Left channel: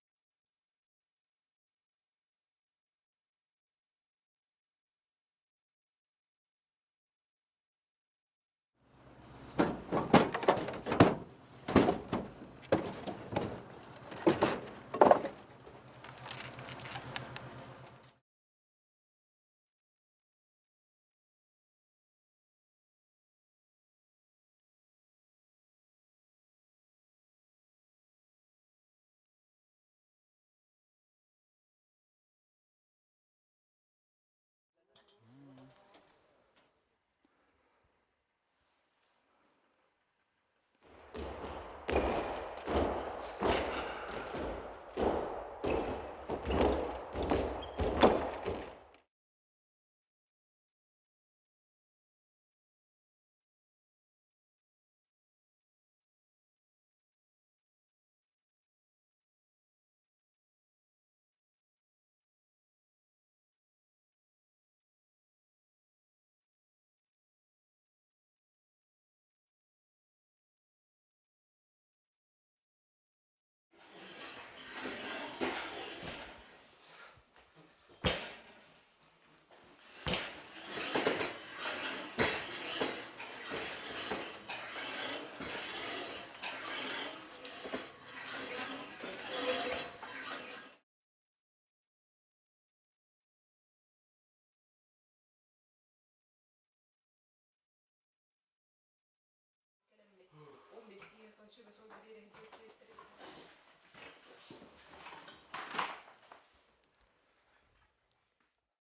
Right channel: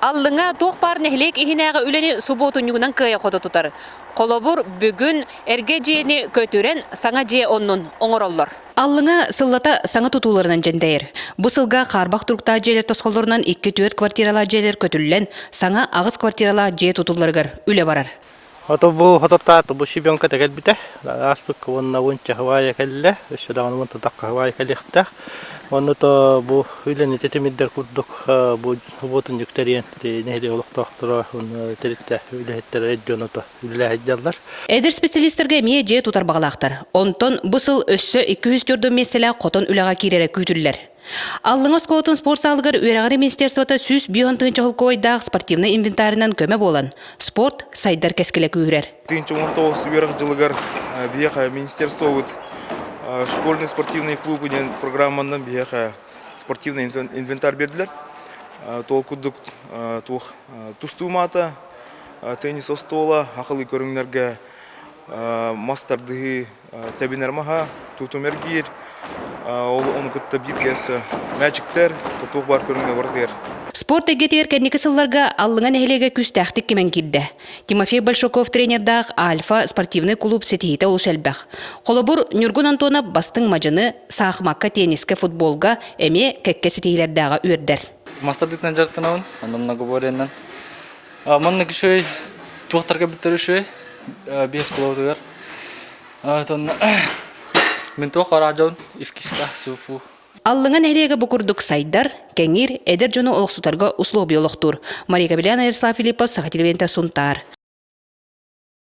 Аллыңа тоқпар нәхлек ихинәгә үләне суботун югынан кыя кода тутар. Колобур бүгүн эрге жени көтүрен саңа же оннун оңороллор. Аллыңа сыллата саңа тутуларынан жендейр. Бу сылга карбак турукта жерлер тосколорунан 2-4 квартирала жерлер көтүллен саңа агыс квартирала же тутуларгар үле барар. Ото бу хототта бу шибенка тегет бите. Аспык вонна вонча хавая келле, шудан вонта такка хавая келехта. Онно то бу үлени тетемиддер курдук бу ботун юктериен нехде олоктоктора он теритте үлехеттер эджоното үлехеджалдар. Эдер специалисттерге мие же тутар багалактар. Онтон бу сыл өссө 204 меселе котон үлага кирере күтүллер. Аллыңа скотын спорт салгар үйрәгәре министерствота сүз бионтынчы холкойдагы спортивный инвентарынан көмө болан. Спорт сайдар кескеле күрер. 19 үйрәк жылыгар бияха министерство школьный спортивный клуб деген программадан бияха спортивный инвентарь бердилер. Толкудук тух тустумата, теннис остола, акылы көрүңнәргә мастардыгы табинермаха, тутумергир, onu кытта биткәсе, мәчиктер, тутук бар көрүнгә бардыр. Спорт эгетер кәнеке сылларга аллыңа нәһилеге күз тәхтик кемен кидде. Тимофей Большаков тренердаг Альфа спортивный клуб сетихите ул шәлбәх. Колобур Нюргун Антонов бастың мажыны сахмакка, тенниске, футболга, эме кәкке сетихиләрдәге үрдер. Мастардыктан жартынабын, ондан многоборьяндан. Манны кишөй туактарга битеришөй, бес клубтар. Тон мен туакараҗон ифкиска суфу. Аллыңа нәһилеге букурдук сайдар, кәңир, эдер жоны олықсутарга услуг биологтур. Мария Кабеляна, Ярослав Филиппов, Саха телевизионта Сунтар.